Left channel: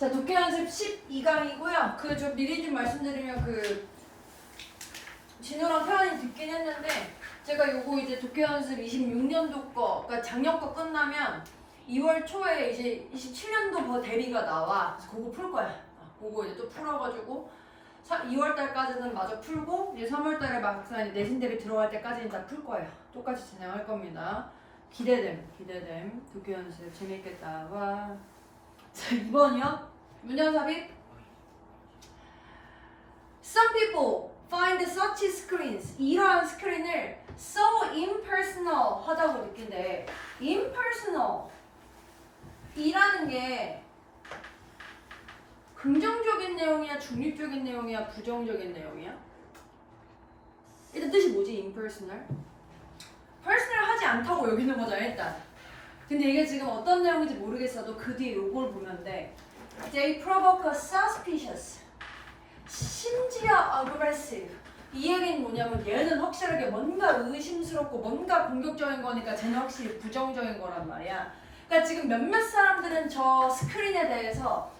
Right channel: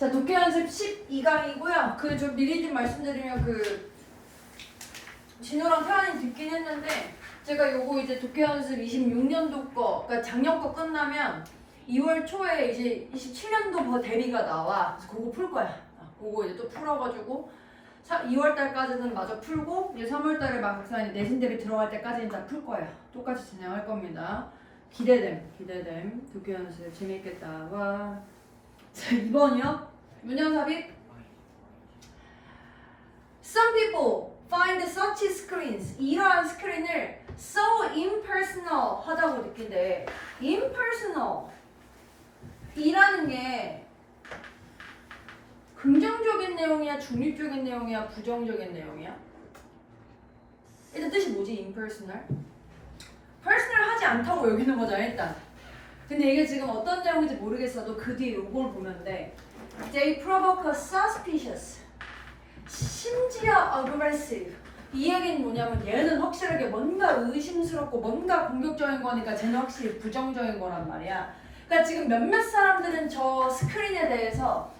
자, 독해 연습 12강이고요. 좀 미리 좀 말씀드리면 진호랑 태환이 듣긴 했는데 제가 요거 이제 독해 연습 26년도 거, 그러니까 작년 거 끝나면 2월 초에 이제 27년도 대비가 나와. 그래서 그거 풀 거야. 그거 이제 또 풀어가지고 2월 달까지는 마저 풀고 이제 3월 달에 막상 내신 대비 들어갈 때까지는 다 풀 거예요. 똑같이 진행할 겁니다. 기대됨. 독해 연습 재밌겠다. 와. 자, 2번이요. 문연삽입. Some people find such screens, 이러한 스크린을 so impersonal 하다고 느낀대. impersonal 이라는 게 긍정적인 내용이야, 중립적인 내용이야, 부정적인 내용이야? 일단 뜻이 뭐지, impersonal? personal 하지 않다고 여기는 거잖아, 일단. 근데 이게 지금 어떤 내용인지 모르겠어도 그 뒤에 요걸 보면 돼. They provoke a suspicious. 심지어 aggressive. 이 얘기는 뭐냐면 얘는 확실하게 뭔가 의심스럽고 뭔가 공격적인 거니까 쟤는 확실히 부정적인 거란 말이야. 그러니까 지금 몇몇 사람들은 저 스크린에 대해서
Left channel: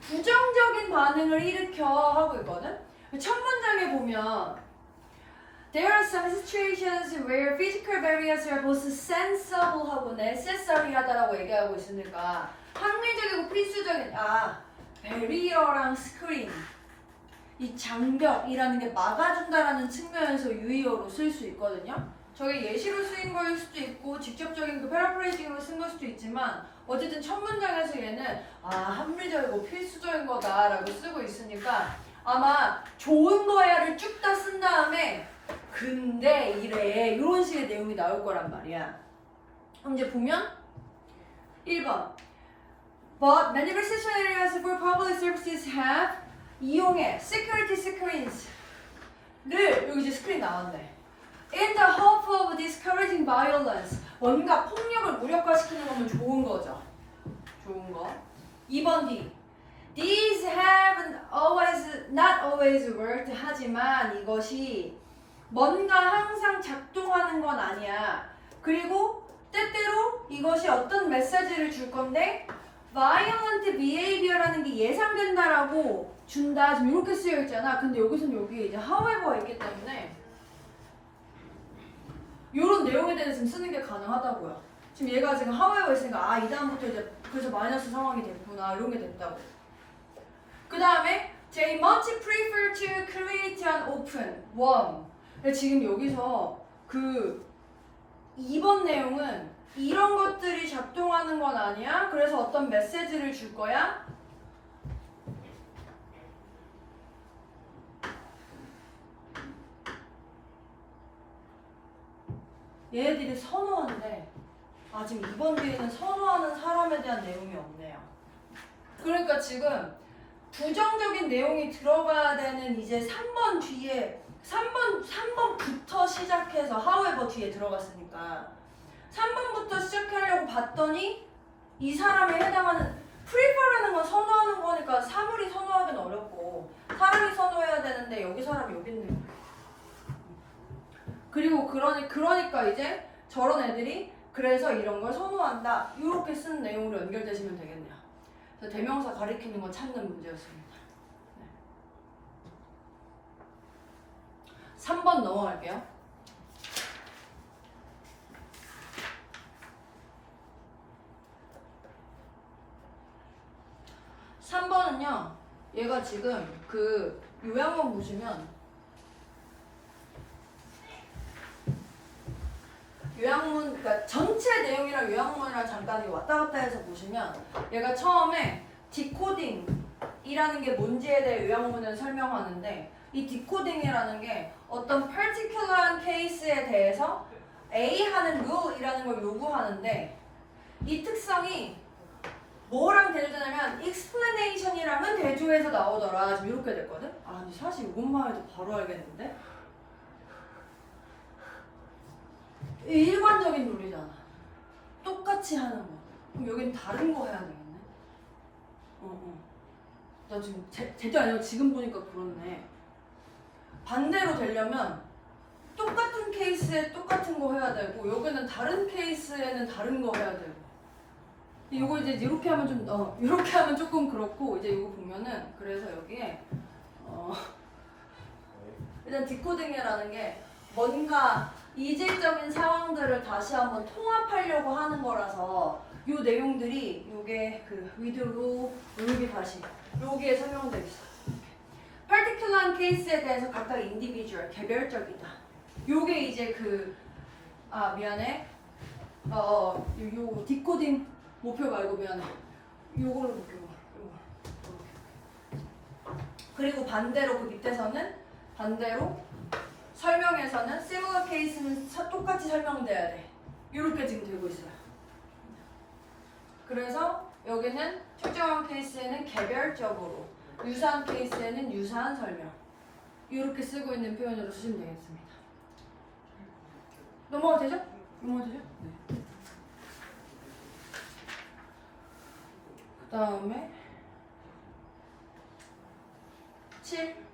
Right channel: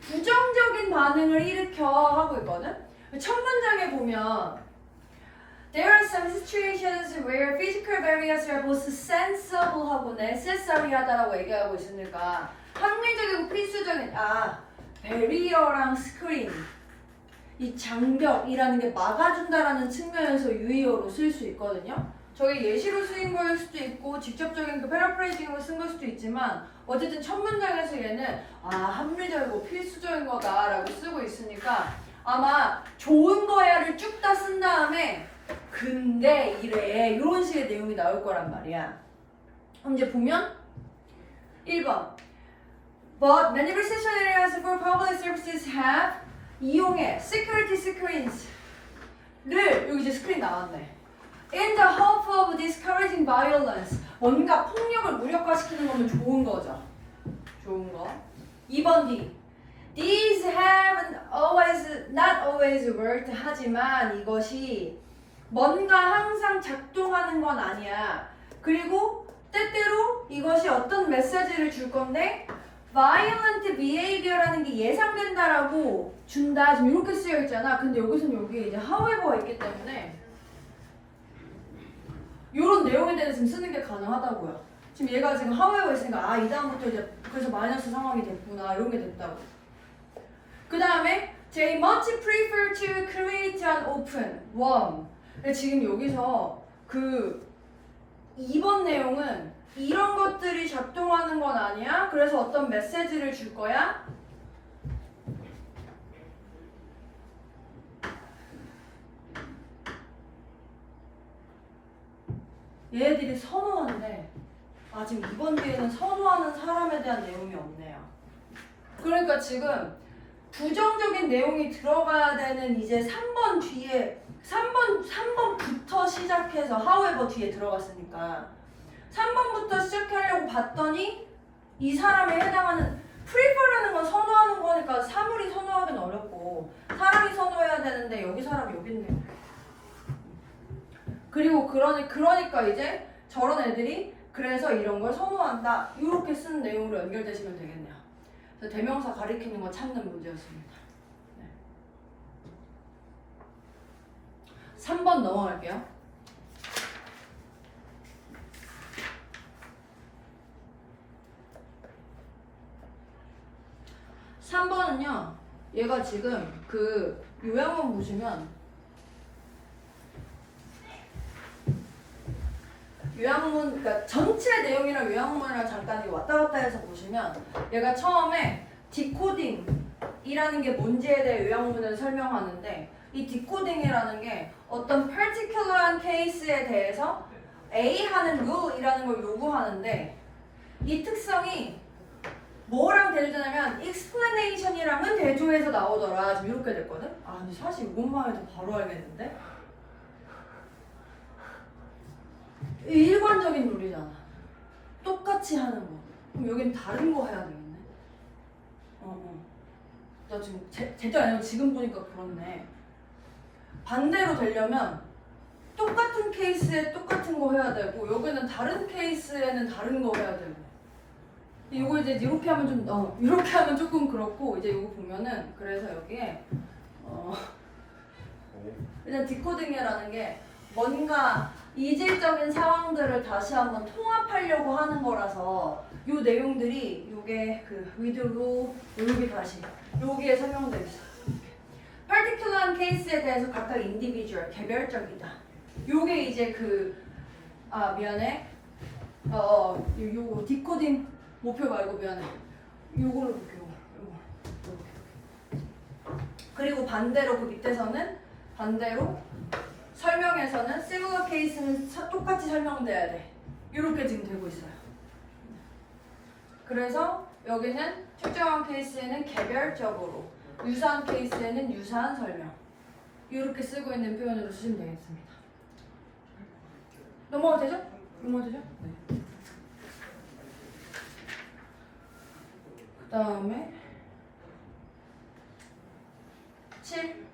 부정적인 반응을 일으켜 하고 있거든? 첫 문장에 보면 There are some situations where physical barriers are both sensible 하고 necessary 하다라고 얘기하고 있으니까 합리적이고 필수적인 barrier랑 스크린 이 장벽이라는 게 막아준다라는 측면에서 유의어로 쓸 수 있거든요. 저게 예시로 쓰인 거일 수도 있고 직접적인 패러프레이징으로 쓴 걸 수도 있지만 어쨌든 첫 문장에서 얘는 합리적이고 필수적인 거다라고 쓰고 있으니까 아마 좋은 거야를 쭉 다 쓴 다음에 근데 이래 이런 식의 내용이 나올 거란 말이야. 그럼 이제 보면 1번 But many reception areas for public services have 이용해 security screens를 여기 이제 스크린 나왔네. In the hope of discouraging violence 뭔가 폭력을 무력화시키는 거면 좋은 거죠. 좋은 거. 2번 D These have not always worked 하지만 이것이 뭔가 항상 작동하는 건 아니야. 그리고 때때로 이것이 어떤 메시지를 줄 건데 violent behavior라는 게 예상된다라고 준다. 지금 이렇게 쓰여 있잖아. 근데 여기서는 여기에 이제 however가 있기 때문에 이런 내용에 대해서 지금 쓰는 게 가능하다고요. 지금 얘가 지금 however 있으니까 이 다음부터 이제 그래서 마이너스 상황이 됐구나 이런 게 됐다고. 그 다음에 they much prefer to create an open warm. 지금 여기서 2번 내용은 이런 것들이 작동하는 건 아니야. 그래서 어떤 메시지를 줄 거야? 얘네들이 선호한대. 지금 2번 뒤에는 선호하는 사람에 대한 내용이 없네요. 그러니까 지금 부정적인 내용이 들어가야 되는 이제 3번 뒤에 3번부터 시작해서 however 뒤에 들어갔으니까 3번부터 시작하려고 봤더니 이 사람에 해당하는 prefer라는 건 선호하는 거니까 사물이 선호하기는 어렵고 사람이 선호해야 되는데 여기 사람이 여기 있네. 그리고 그러니까 이제 저런 애들이 그래서 이런 걸 선호한다 이렇게 쓴 내용으로 연결되시면 되겠네요. 그래서 대명사 가리키는 거 찾는 문제였습니다. 네. 3번 넘어갈게요. (3번은요) 얘가 지금 요약문 보시면 요약문, 그러니까 전체 내용이랑 요약문이랑 잠깐 왔다 갔다 해서 보시면 얘가 처음에 디코딩이라는 게 뭔지에 대해 요약문을 설명하는데 이 디코딩이라는 게 어떤 particular한 케이스에 대해서 A 하는 rule이라는 걸 요구하는데 이 특성이 뭐랑 대조되냐면 explanation이랑은 대조해서 나오더라. 지금 이렇게 됐거든? 근데 사실 이것만 해도 바로 알겠는데? 일관적인 룰이잖아. 똑같이 하는 거. 그럼 여긴 다른 거 해야 되겠네. 나 지금 제대로 아니고 지금 보니까 그렇네. 반대로 되려면 똑같은 케이스에 똑같은 거 해야 되고 여기는 다른 케이스에는 다른 거 해야 되고 이거 이제 이렇게 하면 좀 이렇게 하면 조금 그렇고 이제 이거 보면은 그래서 여기에 일단 디코딩이라는 게 뭔가 이질적인 상황들을 다시 한번 통합하려고 하는 거라서 요 내용들이 요게 그 위드로 여기 다시 여기에 설명되어 있어요. particular 케이스에 대해서 각각 individual 개별적이다. 요게 이제 미안해. 요 디코딩 목표 말고 미안해. 요걸로 볼게. 요거. 그리고 반대로 그 밑에서는 반대로 설명에서는 similar case는 똑같이 설명돼야 돼. 이렇게 지금 되고 있어요. 그래서 여기는 특정한 케이스에는 개별적으로, 유사한 케이스에는 유사한 설명. 이렇게 쓰고 있는 표현으로 쓰시면 되겠습니다. 넘어가도 되죠? 넘어가도 되죠? 네. 그 다음에 7.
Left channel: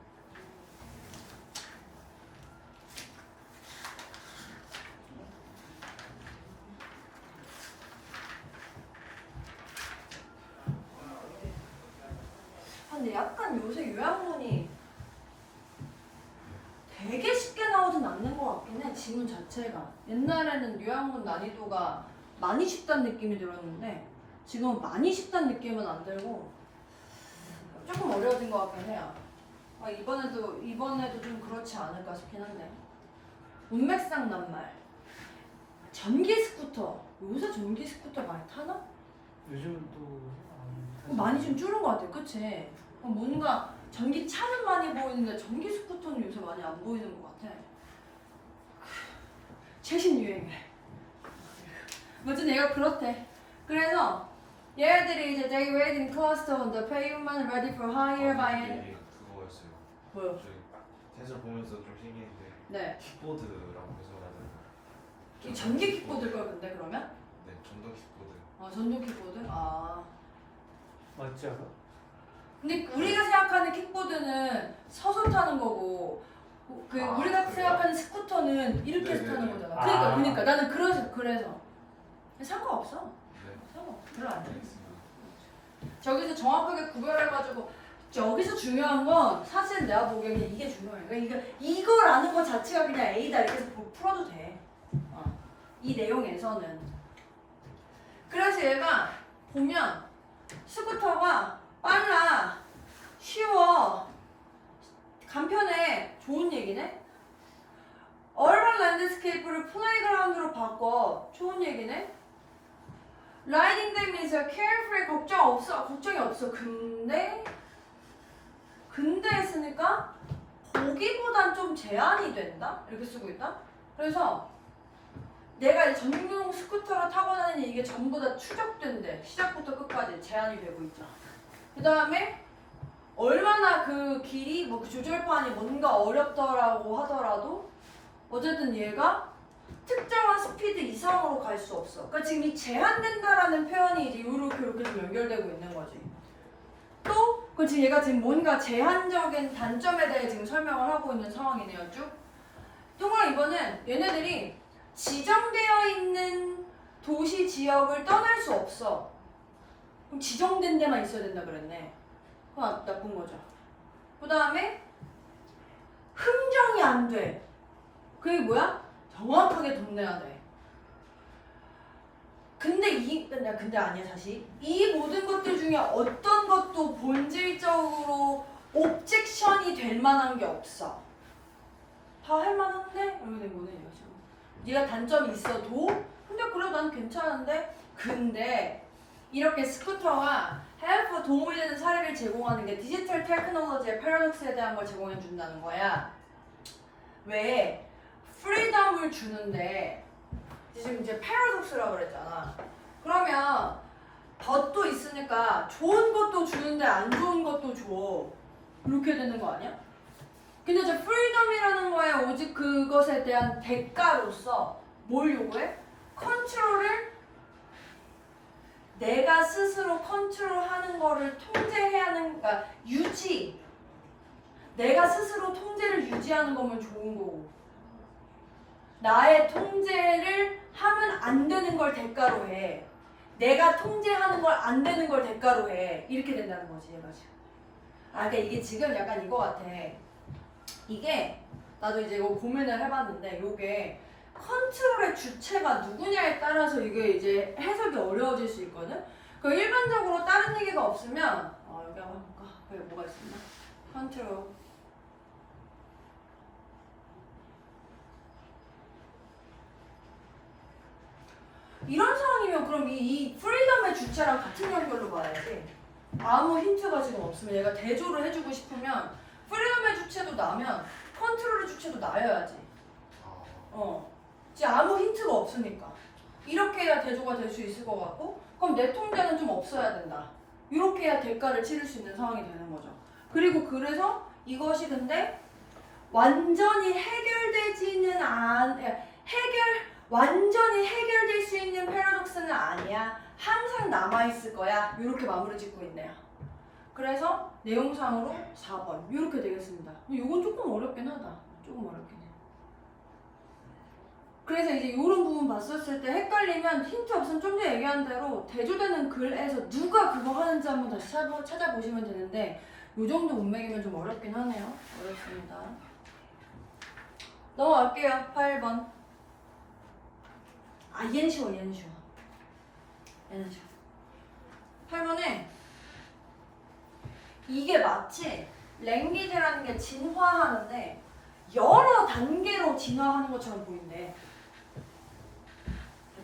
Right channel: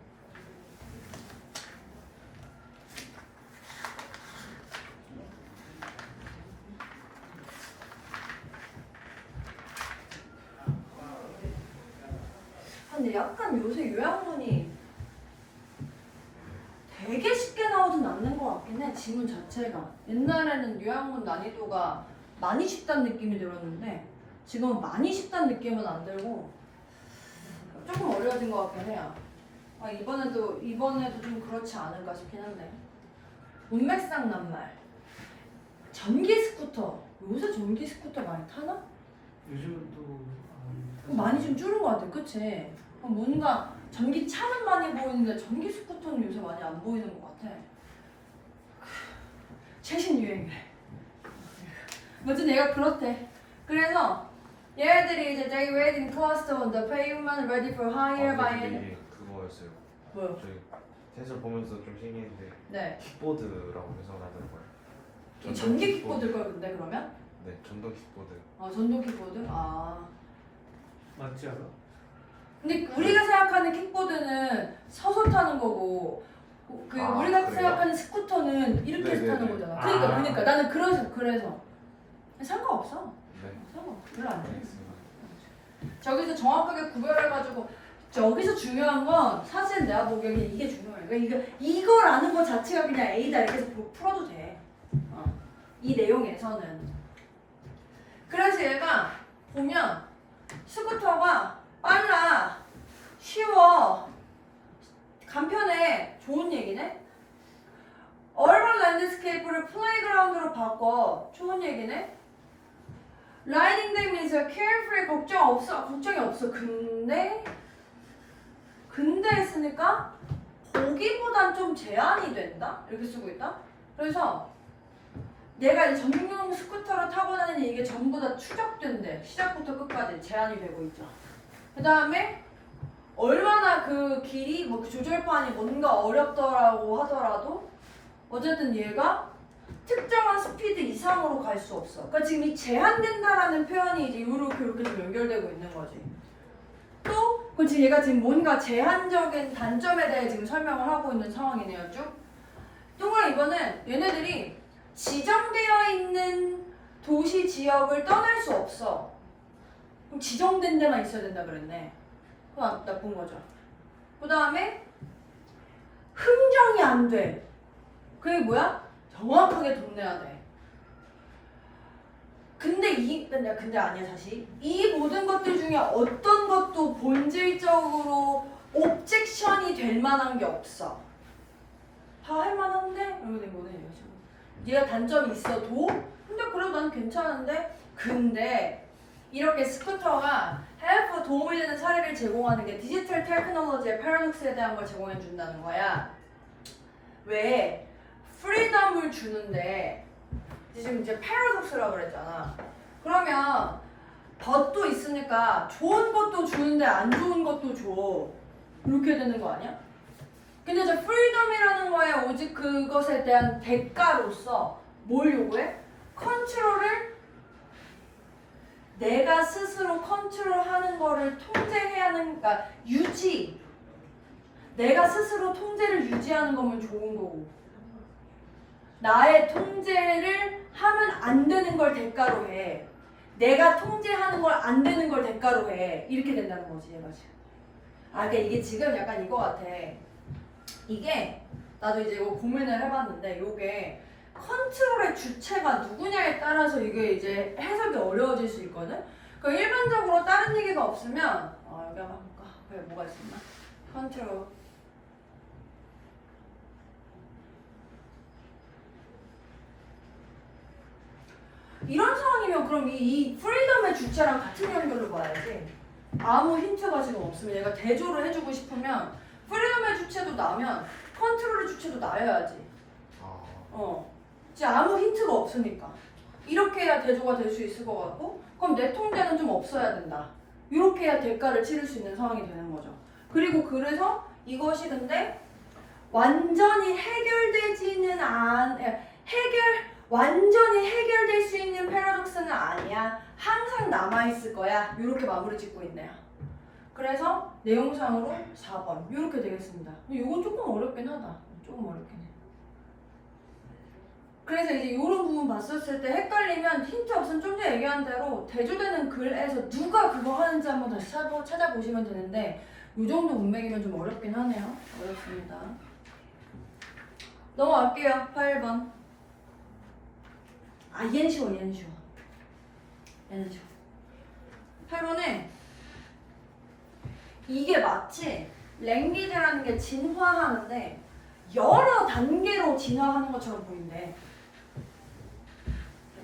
근데 약간 요새 요양문이 되게 쉽게 나오진 않는 것 같긴 해. 지문 자체가. 옛날에는 요양문 난이도가 많이 쉽다는 느낌이 들었는데 지금은 많이 쉽다는 느낌은 안 들고 조금 어려워진 것 같긴 해요. 이번에도 좀 그렇지 않을까 싶긴 한데. 문맥상 낱말. 전기 스쿠터. 요새 전기 스쿠터 많이 타나? 요즘은 또 많이 좀 줄은 것 같아. 그치? 뭔가 전기차는 많이 보이는데 전기 스쿠터는 요새 많이 안 보이는 것 같아. 최신 유행이래. 어쨌든 얘가 그렇대. 그래서 얘들이 이제 they waiting cluster on the pavement ready for hire by 이게 그거였어요. 뭐요? 저희 테스트 보면서 좀 신기했는데 네. 킥보드라고 해석하는 거예요. 이 전기 킥보드일 거야 근데 그러면? 네, 전동 킥보드. 전동 킥보드? 맞지 않아? 근데 우리가 생각하는 킥보드는 서서 타는 거고 우리가 그래요? 생각하는 스쿠터는 이렇게 해서 타는 네네네. 거잖아. 아. 그러니까 나는 그래서 상관없어. 네, 상관없어. 별로 안 돼. 알겠습니다. 저기서 정확하게 구별해가지고 여기서 중요한 건 사실 내가 보기에는 이게 중요해. 그러니까 이걸 아는 것 자체가 그냥 A다 이렇게 해서 풀어도 돼. 이 내용에서는. 그래서 얘가 보면 스쿠터가 빨라, 쉬워, 간편해, 좋은 얘기네. 얼반 랜드스케이프를 플레이그라운드로 바꿔, 좋은 얘기네. 라이딩 them is a carefree, 걱정이 없어. 근데 했으니까 보기보단 좀 제한이 된다? 이렇게 쓰고 있다. 그래서 내가 이제 전용 스쿠터를 타고 다니는 이게 전부 다 추적된대. 시작부터 끝까지 제한이 되고 있죠. 그 다음에 얼마나 그 길이 그 조절판이 뭔가 어렵더라고 하더라도 어쨌든 얘가 특정한 스피드 이상으로 갈 수 없어. 그러니까 지금 이 제한된다라는 표현이 이제 이렇게 좀 연결되고 있는 거지. 또 지금 얘가 지금 뭔가 제한적인 단점에 대해 지금 설명을 하고 있는 상황이네요. 쭉. 동그란 이거는 얘네들이 지정되어 있는 도시 지역을 떠날 수 없어. 그럼 지정된 데만 있어야 된다 그랬네. 그건 나쁜 거죠. 그 다음에 흥정이 안 돼. 그게 뭐야? 정확하게 동네야 돼. 근데 아니야 다시. 이 모든 것들 중에 어떤 것도 본질적으로 옵젝션이 될 만한 게 없어. 다 할 만한데? 이렇게 된 거네 이런 식으로. 네가 단점이 있어도 근데 그래도 난 괜찮은데 근데 이렇게 스쿠터가 헬프 도움이 되는 사례를 제공하는 게 디지털 테크놀로지의 패러독스에 대한 걸 제공해 준다는 거야. 왜? 프리덤을 주는데 지금 이제 패러독스라고 그랬잖아. 그러면 덧도 있으니까 좋은 것도 주는데 안 좋은 것도 줘. 이렇게 되는 거 아니야? 근데 이제 프리덤이라는 거에 오직 그것에 대한 대가로서 뭘 요구해? 컨트롤을 내가 스스로 컨트롤하는 거를 통제해야 하는, 그러니까 유지. 내가 스스로 통제를 유지하는 거면 좋은 거고. 나의 통제를 하면 안 되는 걸 대가로 해. 내가 통제하는 걸 안 되는 걸 대가로 해. 이렇게 된다는 거지, 얘가 지금. 그러니까 이게 지금 약간 이거 같아. 이게 나도 이제 이거 고민을 해봤는데 이게 컨트롤의 주체가 누구냐에 따라서 이게 이제 해석이 어려워질 수 있거든. 그 일반적으로 다른 얘기가 없으면 여기 한번 볼까? 여기 뭐가 있었나? 컨트롤. 이런 상황이면 그럼 이 프리덤의 주체랑 같은 연결로 봐야지. 아무 힌트가 지금 없으면 얘가 대조를 해주고 싶으면 프리덤의 주체도 나면 컨트롤의 주체도 나여야지. 지금 아무 힌트가 없으니까. 이렇게 해야 대조가 될 수 있을 것 같고, 그럼 내 통제는 좀 없어야 된다. 이렇게 해야 대가를 치를 수 있는 상황이 되는 거죠. 그리고 그래서 이것이 근데 완전히 해결되지는 완전히 해결될 수 있는 패러독스는 아니야. 항상 남아있을 거야. 이렇게 마무리 짓고 있네요. 그래서 내용상으로 4번 이렇게 되겠습니다. 이거 조금 어렵긴 하다. 조금 어렵긴 해. 그래서 이제 이런 부분 봤었을 때 헷갈리면 힌트 없으면 좀 전에 얘기한 대로 대조되는 글에서 누가 그거 하는지 한번 다시 찾아보시면 되는데 이 정도 문맥이면 좀 어렵긴 하네요. 어렵습니다. 넘어갈게요. 8번. 얘는 쉬워. 얘는 쉬워. 8번에 이게 마치 랭귀지라는 게 진화하는데 여러 단계로 진화하는 것처럼 보인대.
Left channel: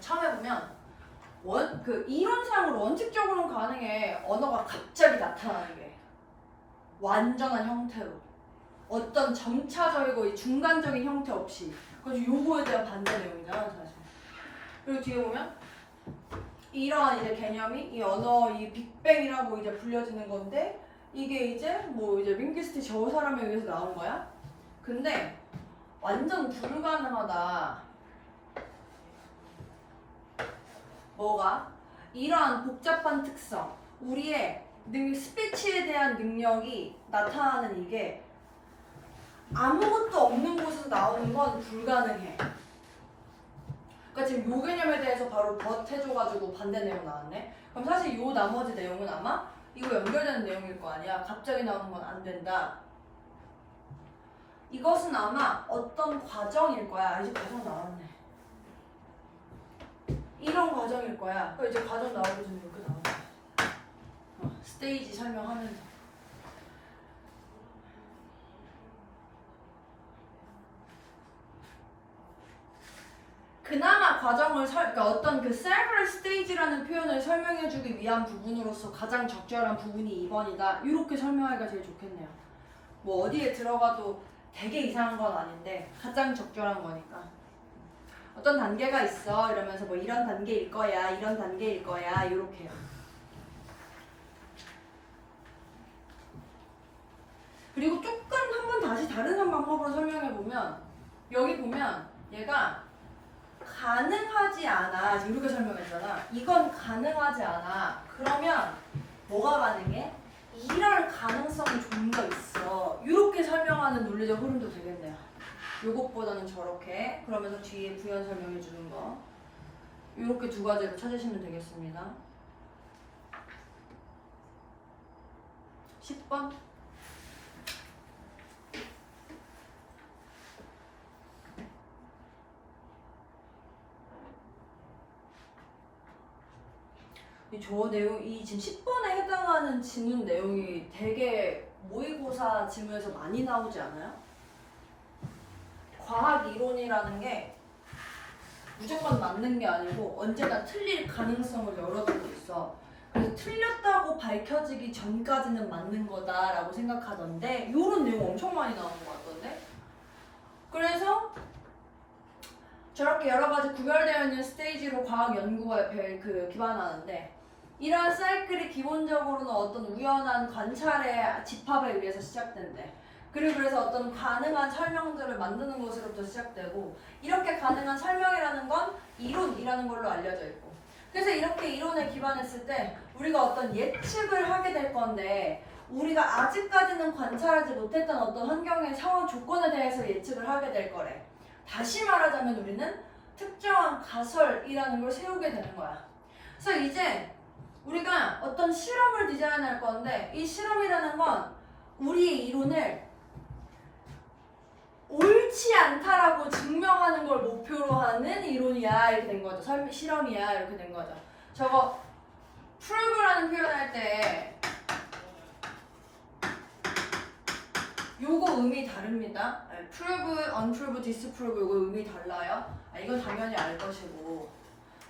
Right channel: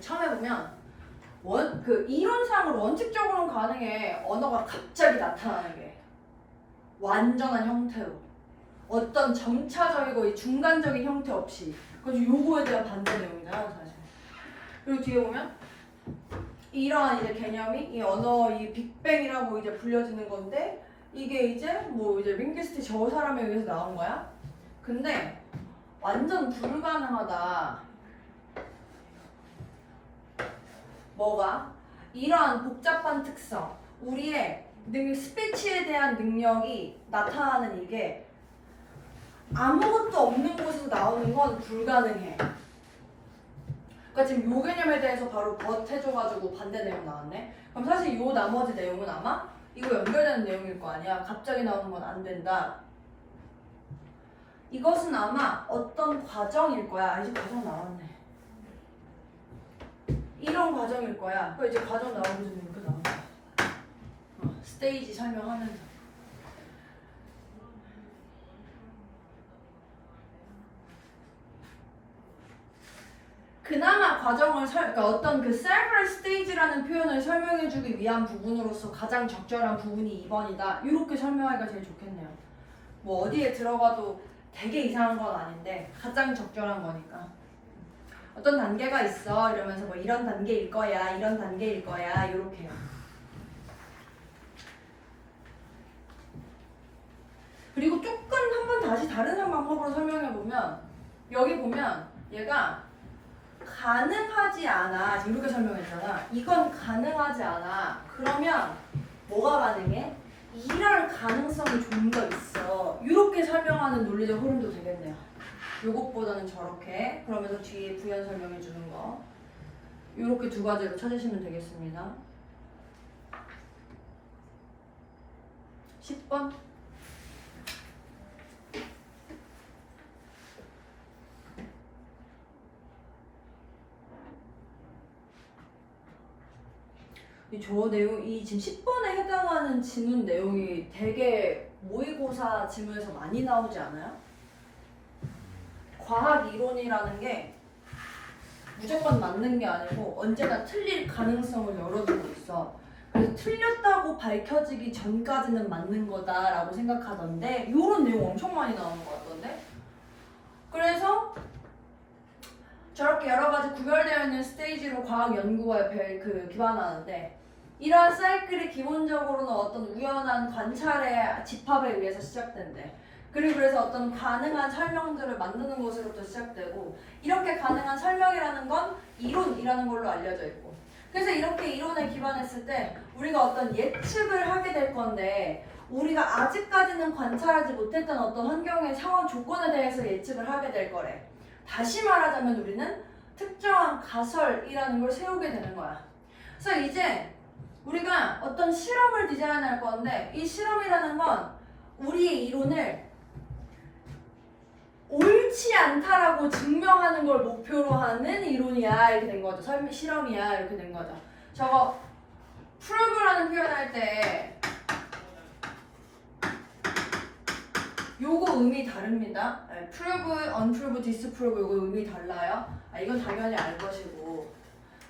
처음에 보면 이론상으로 원칙적으로는 가능해. 언어가 갑자기 나타나는 게 완전한 형태로 어떤 점차적이고 중간적인 형태 없이. 그래서 요거에 대한 반대 내용이잖아 사실. 그리고 뒤에 보면 이러한 이제 개념이 이 언어 이 빅뱅이라고 이제 불려지는 건데 이게 이제 뭐 이제 링귀스트 저 사람에 의해서 나온 거야. 근데 완전 불가능하다. 뭐가? 이러한 복잡한 특성, 우리의 스피치에 대한 능력이 나타나는 이게 아무것도 없는 곳에서 나오는 건 불가능해. 그러니까 지금 요 개념에 대해서 바로 해줘가지고 반대 내용 나왔네. 그럼 사실 요 나머지 내용은 아마 이거 연결되는 내용일 거 아니야. 갑자기 나오는 건 안 된다. 이것은 아마 어떤 과정일 거야. 이제 과정 나왔네. 이런 과정일 거야. 그 이제 과정 나오면서 이렇게 나오는 거야. 스테이지 설명하면서. 그나마 과정을 그러니까 어떤 그 several stage라는 표현을 설명해주기 위한 부분으로서 가장 적절한 부분이 2번이다. 이렇게 설명하기가 제일 좋겠네요. 뭐 어디에 들어가도 되게 이상한 건 아닌데 가장 적절한 거니까. 어떤 단계가 있어 이러면서 뭐 이런 단계일 거야, 이런 단계일 거야 이렇게요. 그리고 조금 한번 다시 다른 방법으로 설명해 보면 여기 보면 얘가 가능하지 않아 이렇게 설명했잖아. 이건 가능하지 않아. 그러면 뭐가 가능해? 이럴 가능성이 좀 더 있어. 이렇게 설명하는 논리적 흐름도 되겠네요. 요것보다는 저렇게. 그러면서 뒤에 부연 설명해 주는 거. 이렇게 두 가지로 찾으시면 되겠습니다. 10번. 저 내용, 이 지금 10번에 해당하는 지문 내용이 되게 모의고사 지문에서 많이 나오지 않아요? 과학 이론이라는 게 무조건 맞는 게 아니고 언제나 틀릴 가능성을 열어두고 있어. 그래서 틀렸다고 밝혀지기 전까지는 맞는 거다라고 생각하던데 이런 내용 엄청 많이 나오는 것 같던데? 그래서 저렇게 여러 가지 구별되어 있는 스테이지로 과학 연구에 기반하는데 이러한 사이클이 기본적으로는 어떤 우연한 관찰의 집합에 의해서 시작된대. 그리고 그래서 어떤 가능한 설명들을 만드는 것으로부터 시작되고 이렇게 가능한 설명이라는 건 이론이라는 걸로 알려져 있고 그래서 이렇게 이론에 기반했을 때 우리가 어떤 예측을 하게 될 건데 우리가 아직까지는 관찰하지 못했던 어떤 환경의 상황 조건에 대해서 예측을 하게 될 거래. 다시 말하자면 우리는 특정한 가설이라는 걸 세우게 되는 거야. 그래서 이제 우리가 어떤 실험을 디자인할 건데 이 실험이라는 건 우리의 이론을 옳지 않다라고 증명하는 걸 목표로 하는 이론이야 이렇게 된 거죠. 실험이야 이렇게 된 거죠. 저거 prove라는 표현할 때 요거 의미 다릅니다. prove, unprove, disprove 요거 의미 달라요. 이건 당연히 알 것이고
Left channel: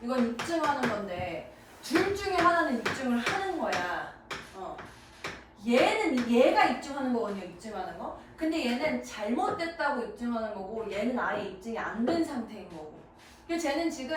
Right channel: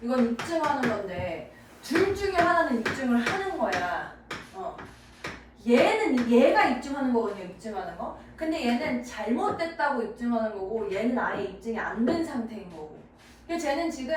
이건 입증하는 건데 둘 중에 하나는 입증을 하는 거야. 얘가 입증하는 거거든요. 입증하는 거. 근데 얘는 잘못됐다고 입증하는 거고 얘는 아예 입증이 안 된 상태인 거고. 그래서 쟤는 지금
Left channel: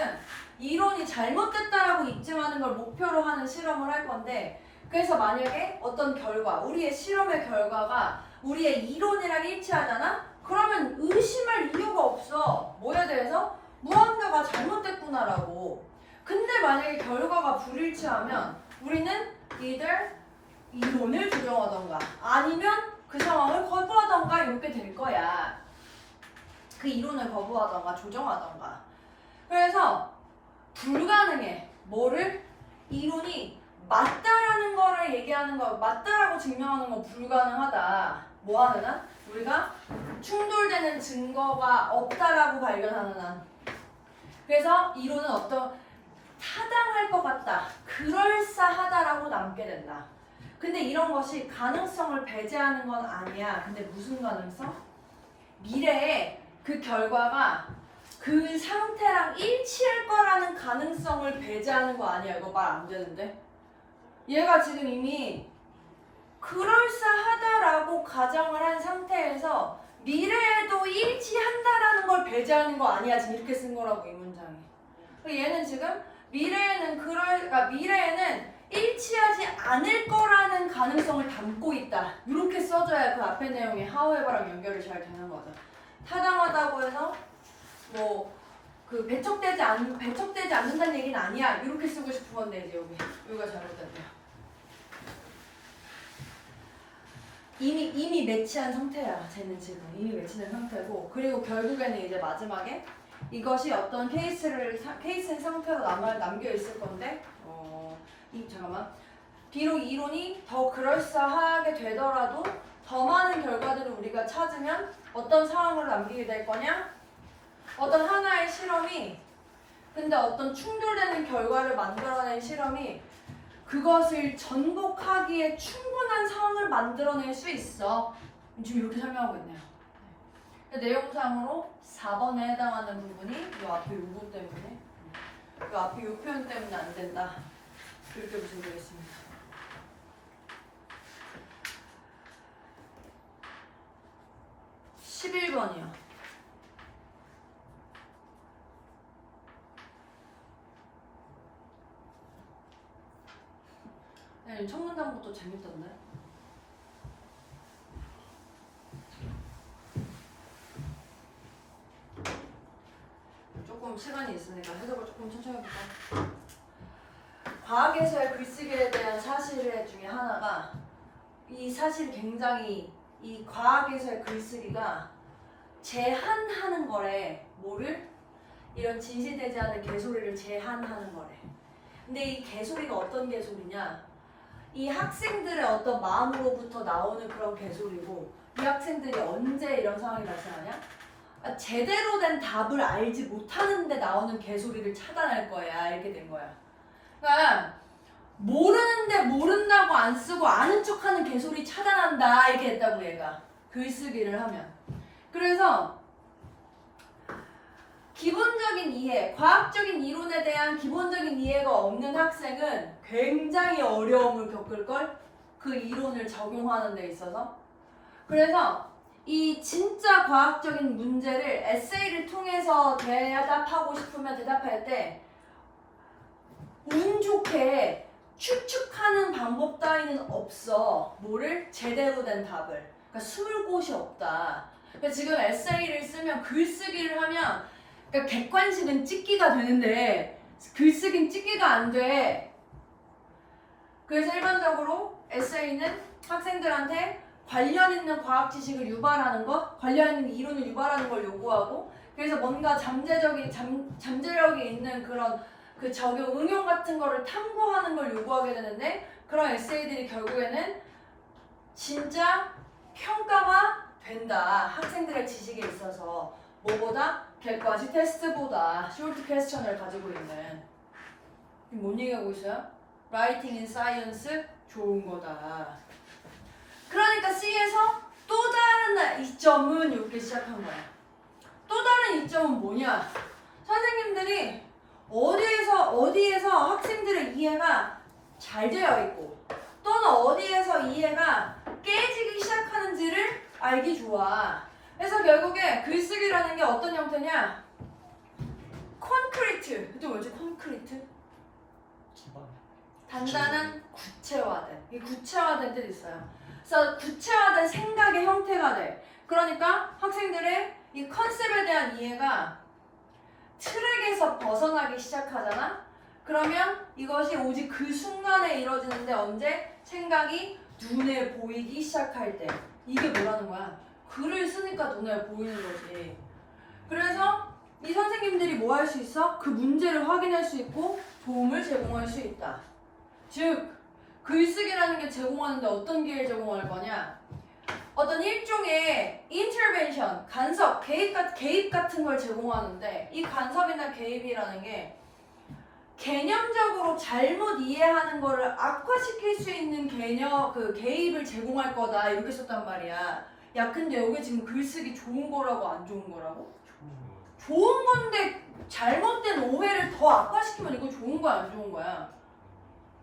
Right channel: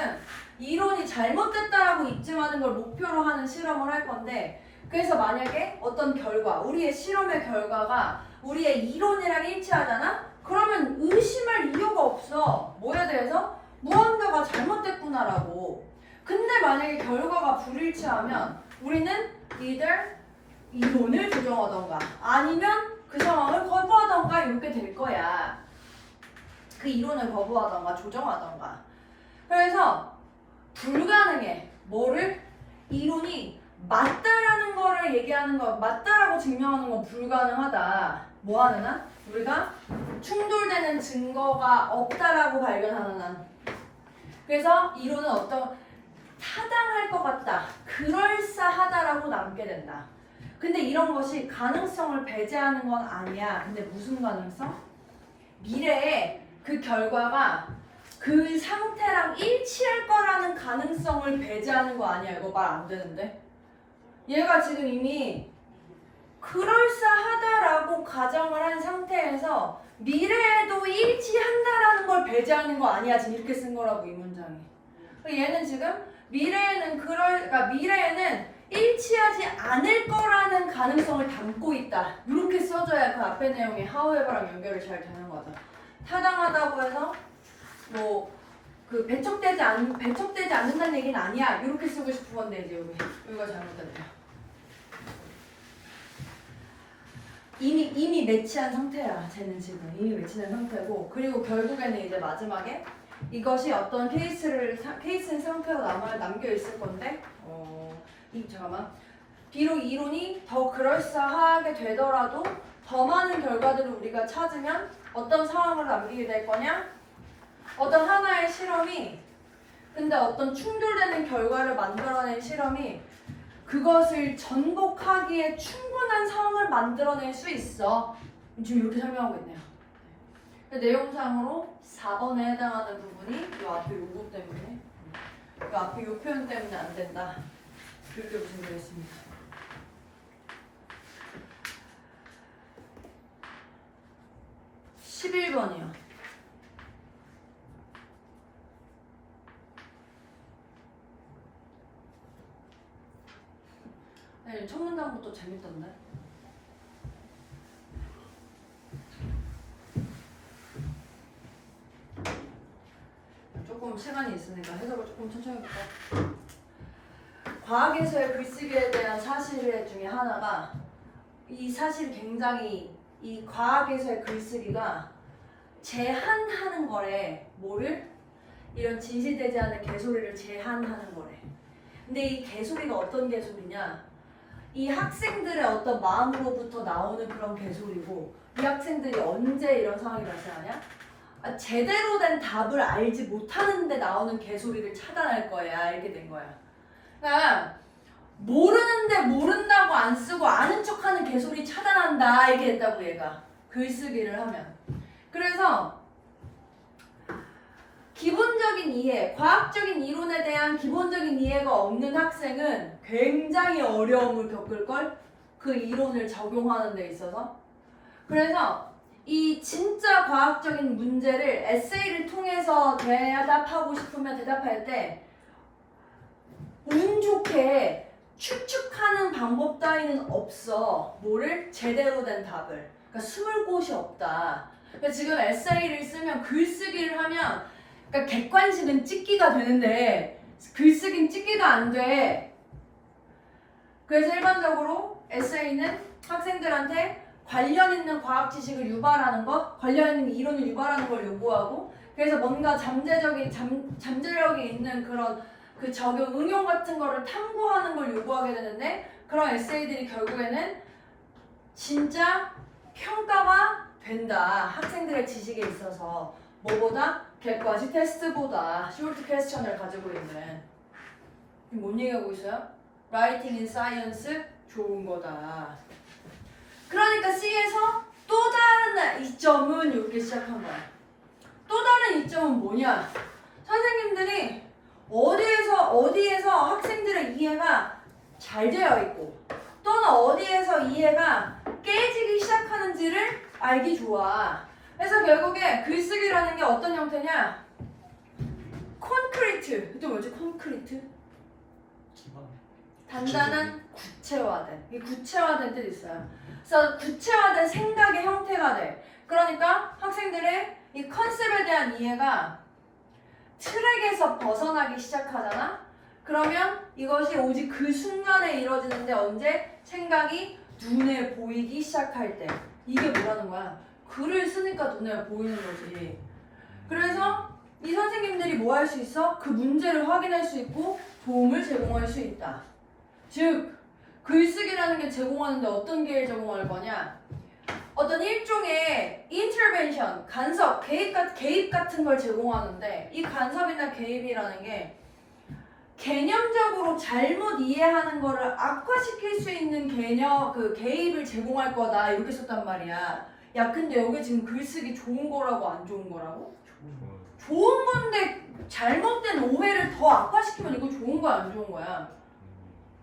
이론이 잘못됐다라고 입증하는 걸 목표로 하는 실험을 할 건데 그래서 만약에 어떤 결과, 우리의 실험의 결과가 우리의 이론이랑 일치하잖아? 그러면 의심할 이유가 없어. 뭐에 대해서? 무언가가 잘못됐구나라고. 근데 만약에 결과가 불일치하면 우리는 either 이론을 조정하던가 아니면 그 상황을 거부하던가 이렇게 될 거야. 그 이론을 거부하던가 조정하던가. 그래서 불가능해. 뭐를? 이론이 맞다라는 거를 얘기하는 거, 맞다라고 증명하는 건 불가능하다. 뭐 하는 한? 우리가 충돌되는 증거가 없다라고 발견하는 한. 그래서 이론은 어떤 타당할 것 같다, 그럴싸하다라고 남게 된다. 근데 이런 것이 가능성을 배제하는 건 아니야. 근데 무슨 가능성? 미래에 그 결과가 그 상태랑 일치할 거라는 가능성을 배제하는 거 아니야. 이거 말 안 되는데? 얘가 지금 이미 그럴싸하다라고 가정을 한 상태에서 미래에도 일치한다라는 걸 배제하는 거 아니야. 지금 이렇게 쓴 거라고 이 문장이. 얘는 지금 그러니까 미래에는 일치하지 않을 거라는 가능성을 담고 있다. 이렇게 써줘야 그 앞에 내용이 however랑 연결이 잘 되는 거죠. 타당하다고 해서 뭐 그 배척되지 않는다는 얘기는 아니야. 이렇게 쓰고 싶은 건데 이제 여기가 잘못됐다. 이미 매치한 상태야. 쟤는 지금 이미 매치된 상태고 그리고 결국에는 이제 마지막에 이것이 어떤 케이스인 상태로 남겨 있을 건데 잠깐만. 비록 이론이 더 그럴싸하게 되더라도 더 많은 결과들을 우리가 찾으면 어떤 상황을 남기게 될 거냐? 어떤 하나의 실험이 근데 어떤 충돌되는 결과를 만들어낸 실험이 그것을 전복하기에 충분한 상황을 만들어낼 수 있어. 지금 이렇게 설명하고 있네요. 내용상으로 4번에 해당하는 부분이 이 앞에 요거 때문에 이 앞에 요 표현 때문에 안 된다. 이렇게 보시면 되겠습니다. (11번이요) 네, 첫 문장부터 재밌던데? 조금 시간이 있으니까 해석을 조금 천천히 해볼까? 과학에서의 글쓰기에 대한 사실 중에 하나가 이 사실 굉장히 이 과학에서의 글쓰기가 제한하는 거래. 뭐를? 이런 진실되지 않은 개소리를 제한하는 거래. 근데 이 개소리가 어떤 개소리냐? 이 학생들의 어떤 마음으로부터 나오는 그런 개소리고 이 학생들이 언제 이런 상황이 발생하냐? 제대로 된 답을 알지 못하는데 나오는 개소리를 차단할 거야. 이렇게 된 거야. 그러니까 모르는데 모른다고 안 쓰고 아는 척하는 개소리 차단한다. 이렇게 했다고 얘가. 글쓰기를 하면. 그래서 기본적인 이해, 과학적인 이론에 대한 기본적인 이해가 없는 학생은 굉장히 어려움을 겪을걸? 그 이론을 적용하는 데 있어서. 그래서 이 진짜 과학적인 문제를 에세이를 통해서 대답하고 싶으면 대답할 때 운 좋게 추측하는 방법 따위는 없어. 뭐를? 제대로 된 답을. 그러니까 숨을 곳이 없다. 그러니까 지금 에세이를 쓰면 글쓰기를 하면 그러니까 객관식은 찍기가 되는데 글쓰기는 찍기가 안 돼. 그래서 일반적으로 에세이는 학생들한테 관련 있는 과학 지식을 유발하는 것, 관련 있는 이론을 유발하는 걸 요구하고 그래서 뭔가 잠재력이 있는 그런 그 적용 응용 같은 거를 탐구하는 걸 요구하게 되는데 그런 에세이들이 결국에는 진짜 평가가 된다. 학생들의 지식에 있어서 뭐보다 객관식 테스트보다 쇼트 퀘스천을 가지고 있는. 뭔 얘기하고 있어요? Writing in Science 좋은 거다. 그러니까 C에서 또 다른 이점은 이렇게 시작한 거야. 또 다른 이점은 뭐냐? 선생님들이 어디에서 학생들의 이해가 잘 되어 있고 또는 어디에서 이해가 깨지기 시작하는지를 알기 좋아. 그래서 결국에 글쓰기라는 게 어떤 형태냐? 콘크리트. 그게 뭐지? 콘크리트? 기반. 단단한 구체화된. 이 구체화된 뜻이 있어요. 그래서 구체화된 생각의 형태가 돼. 그러니까 학생들의 이 컨셉에 대한 이해가 트랙에서 벗어나기 시작하잖아? 그러면 이것이 오직 그 순간에 이루어지는데 언제? 생각이 눈에 보이기 시작할 때. 이게 뭐라는 거야? 글을 쓰니까 눈에 보이는 거지. 그래서 이 선생님들이 뭐 할 수 있어? 그 문제를 확인할 수 있고 도움을 제공할 수 있다. 즉, 글쓰기라는 게 제공하는데 어떤 기회를 제공할 거냐? 어떤 일종의 인터벤션, 간섭, 개입 같은 걸 제공하는데 이 간섭이나 개입이라는 게 개념적으로 잘못 이해하는 거를 악화시킬 수 있는 개입을 제공할 거다 이렇게 썼단 말이야. 야 근데 여기 지금 글쓰기 좋은 거라고 안 좋은 거라고? 좋은 건데 잘못된 오해를 더 악화시키면 이거 좋은 거야 안 좋은 거야?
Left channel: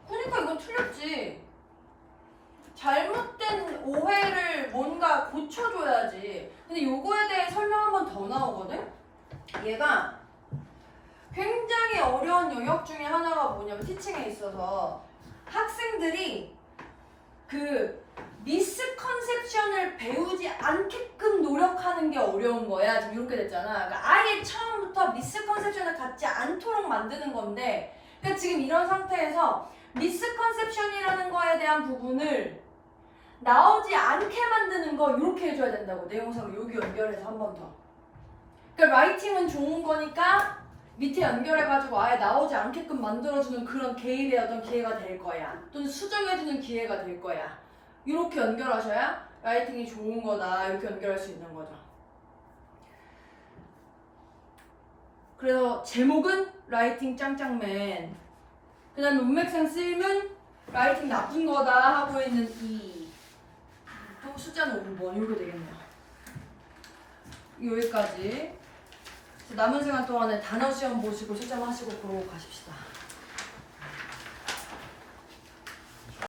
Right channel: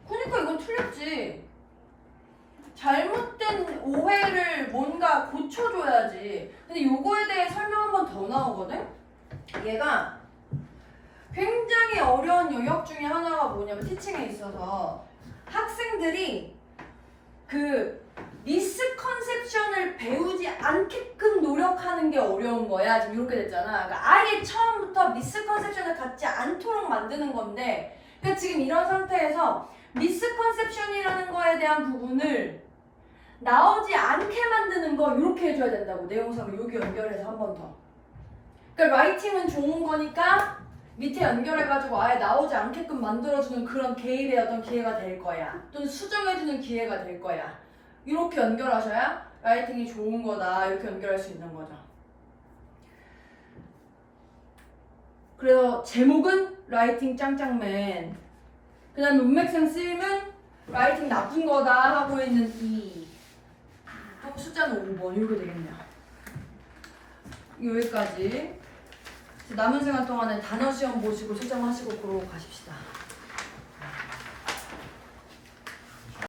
그러니까 이건 틀렸지. 잘못된 오해를 뭔가 고쳐줘야지. 근데 요거에 대해 설명 한 번 더 나오거든? 얘가 굉장히 어려운 영역 중에 하나가 뭐냐면 티칭에 있어서 학생들이 그 미스컨셉션을 배우지 않게끔 노력하는 게 어려운 거야. 지금 이렇게 됐잖아. 그러니까 아예 처음부터 미스컨셉션을 갖지 않도록 만드는 건데 그러니까 지금 이런 상태에서 미스컨셉션이라는 거에 대한 부분을 나오지 않게 만드는 거 이렇게 해줘야 된다고. 내용상을 여기 연결해서 한 번 더. 그러니까 라이팅은 좋은 거니까 밑에 연결해가지고 아예 나오지 않게끔 만들어주는 그런 개입의 어떤 기회가 될 거야. 또는 수정해주는 기회가 될 거야. 이렇게 연결하셔야 라이팅이 좋은 거다. 이렇게 연결할 수 있는 거죠. 그래서 제목은 라이팅 짱짱맨. 그 다음에 문맥상 쓰임은 라이팅 나쁜 거다 하고 있는 이. 또 숫자는 5번 이렇게 되겠네요. 여기까지. 남은 시간 동안에 단어 시험 보시고 채점하시고 그러고 가십시다.